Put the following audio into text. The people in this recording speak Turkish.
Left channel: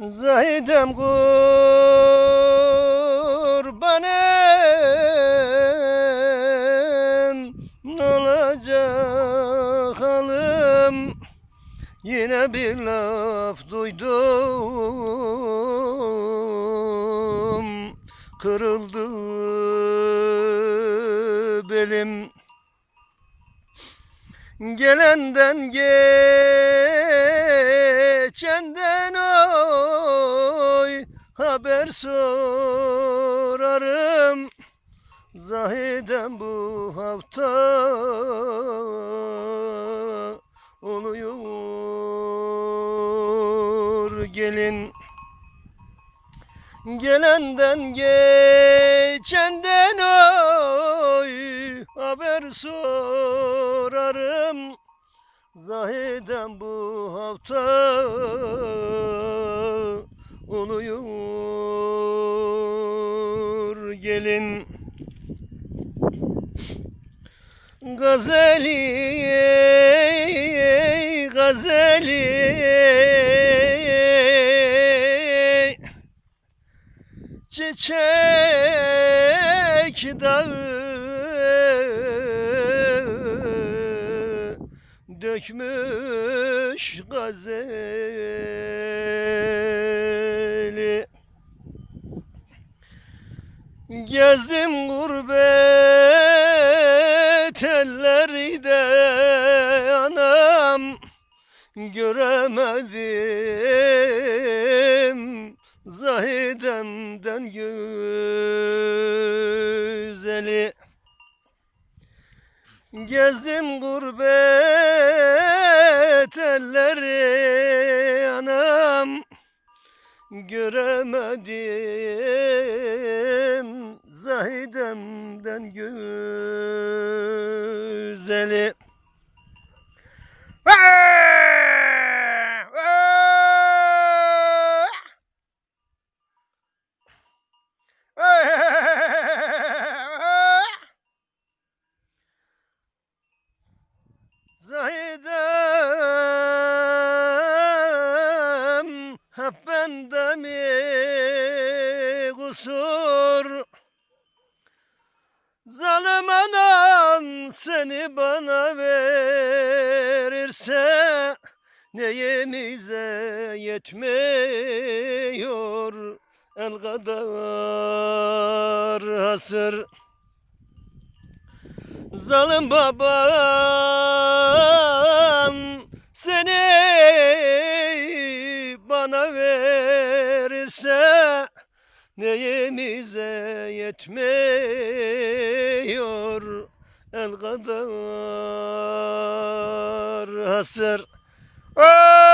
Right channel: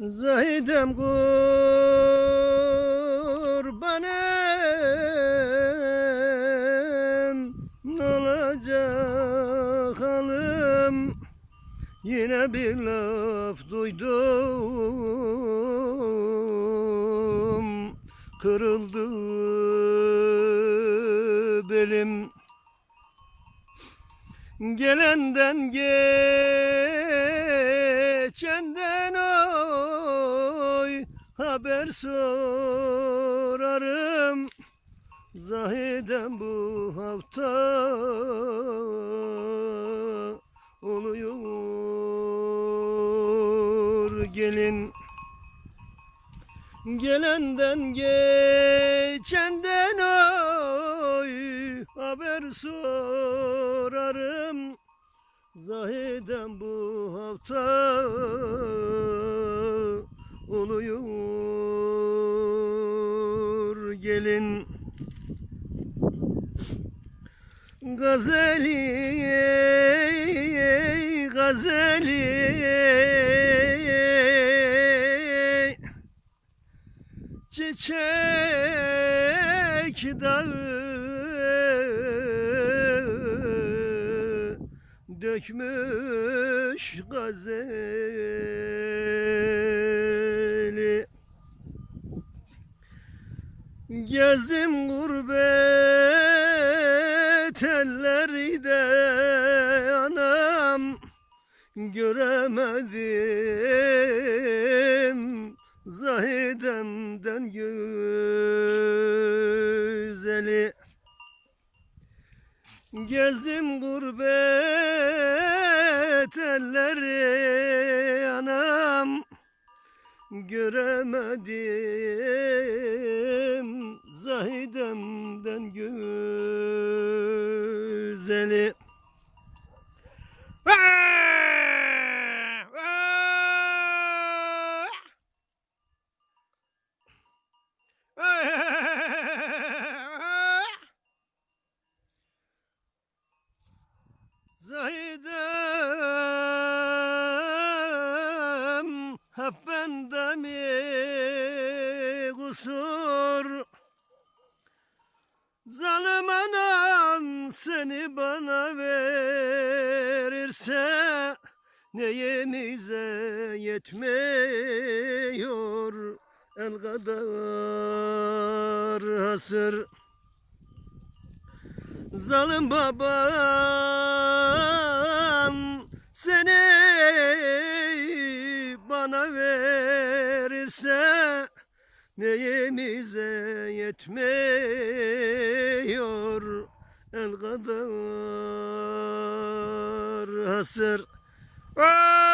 Zahidem kurbanım olacak halim Yine bir laf duydum Kırıldı belim. Gelenden geçenden oy Haber sorarım. Zahidem bu hafta oluyor gelin. Gelenden geçenden oy haber sorarım Zahidem bu hafta oluyor. Gelin Gazeli gazeli Çiçek dağı dökmüş gazeli. Gezdim gurbet ellerde anam göremedim Zahidemden güzeli Gezdim gurbet elleri anam. Göremedim Zahidemden güzeli seni bana verirse Neyimize yetmiyor? El kadar hasır. Zalim baban seni bana verirse Neyimize yetmiyor el kadar hasır. Aa!